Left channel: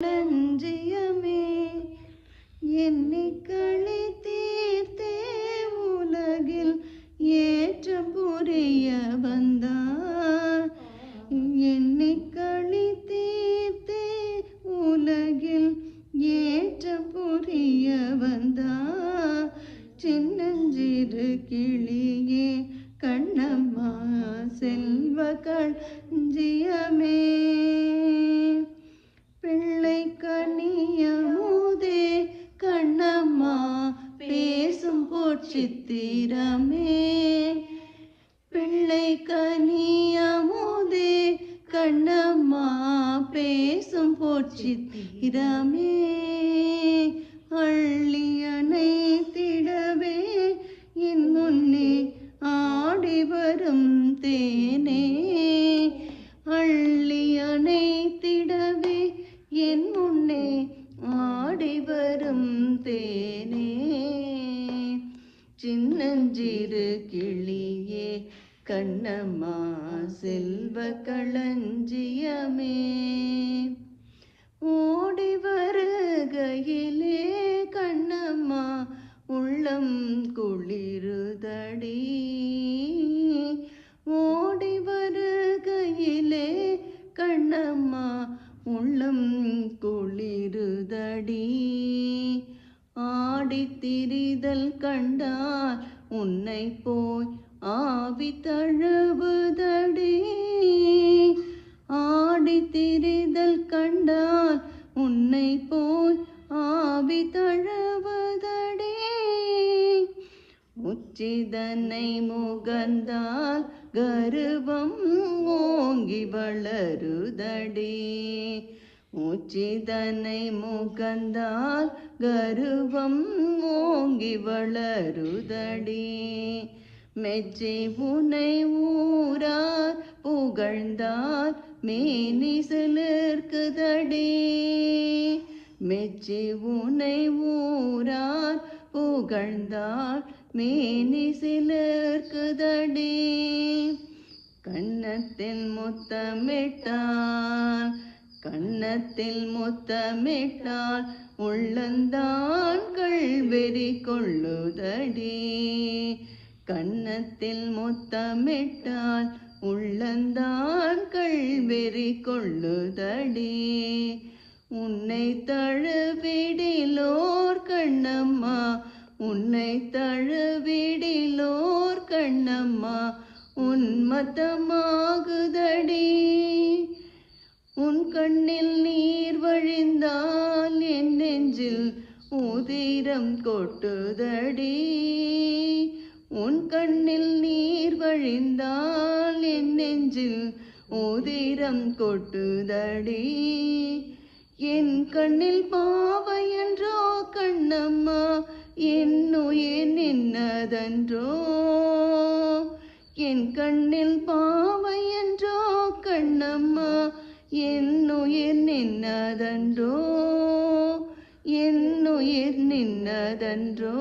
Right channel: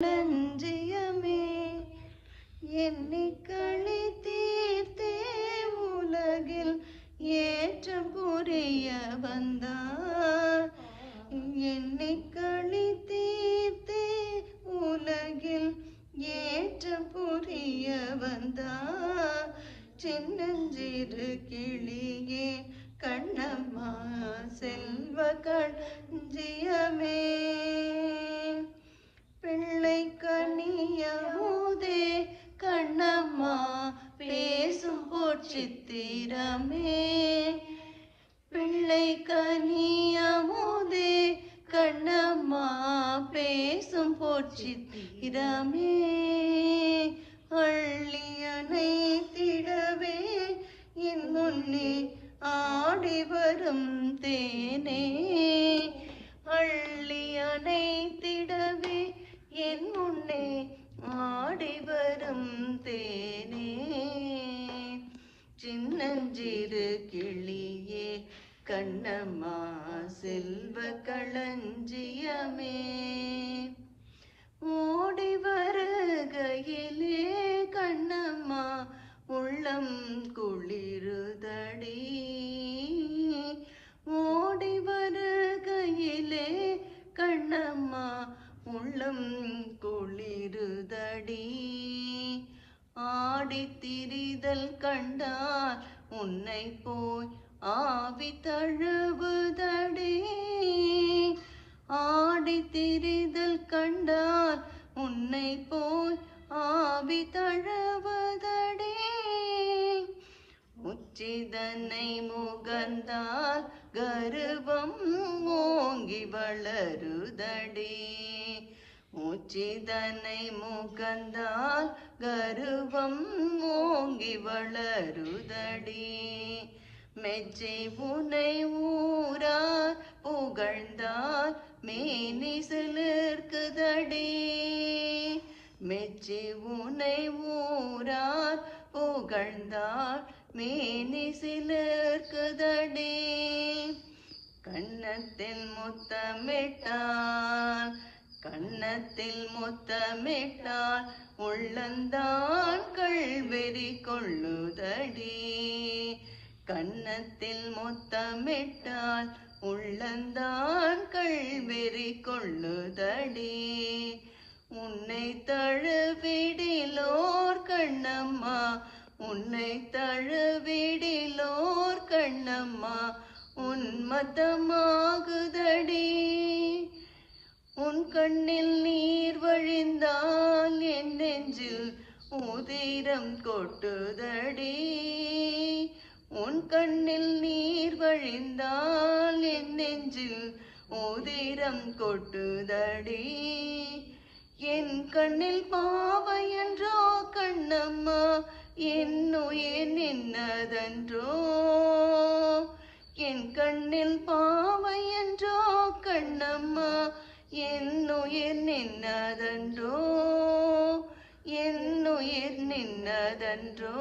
களஞ்சியமே எண்ணிக்களி தீர்த்தே உலகில் ஏற்றம் புரிய வந்தார். எண்ணிக்களி தீர்த்தே உலகில் ஏற்றம் புரிய வந்தார். சின்னஞ்சிறு கிளியே கண்ணம்மா செல்வ களஞ்சியமே பிள்ளை கனியமுதே கண்ணம்மா பேசும் பொற்சித்திரமே. பிள்ளை கனியமுதே கண்ணம்மா பேசும் பொற்சித்திரமே. அள்ளி அணைத்திடவே என் முன்னே ஆடி வரும் தேனே. அள்ளி அணைத்திடவே என் முன்னே ஆடி வரும் தேனே. சின்னஞ்சிறு கிளியே கண்ணம்மா செல்வ களஞ்சியமே. ஓடி வருகையிலே கண்ணம்மா உள்ளம் குளிருதடி. ஓடி வருகையிலே கண்ணம்மா உள்ளம் குளிருதடி. ஆடித்திரிதல் கண்டால் உன்னை போய் ஆவி தழுவுதடி. ஆடித்திரிதல் கண்டால் உன்னை போய் ஆவி தழுவுதடி. உச்சிதனை முகந்தால் கருவம் ஓங்கி வளருதடி. உச்சிதனை முகந்தால் கருவம் ஓங்கி வளருதடி. மெச்சி உனை ஊரார் புகழ்ந்தால் மேனி சிலிர்க்குதடி. மெச்சி உனை ஊரார் புகழ்ந்தால் மேனி சிலிர்க்குதடி. கன்னத்தில் முத்தமிட்டால் கன்னத்தில் முத்தமிட்டால் உள்ளந்தான் கள்வெறி கொள்ளுதடி. கன்னத்தில் முத்தமிட்டால் உள்ளந்தான் கள்வெறி கொள்ளுதடி. உன்னை தழுவிடிலோர் கண்ணம்மா உன்னை தழுவிடிலோர் கண்ணம்மா உன்மத்தமாகுதடி. உன் கண்ணில் நீர் வழிந்தால் என் நெஞ்சில் உதிரம் கொட்டுதடி. உன் கண்ணில் நீர் வழிந்தால் என் நெஞ்சில் உதிரம் கொட்டுதடி. என் கண்ணில் பாவையன்றோ கண்ணம்மா என்னுயிர் நின்னதன்றோ. என் கண்ணில் பாவையன்றோ கண்ணம்மா என்னுயிர் நின்னதன்றோ. என்னுயிர் நின்னதன்றோ.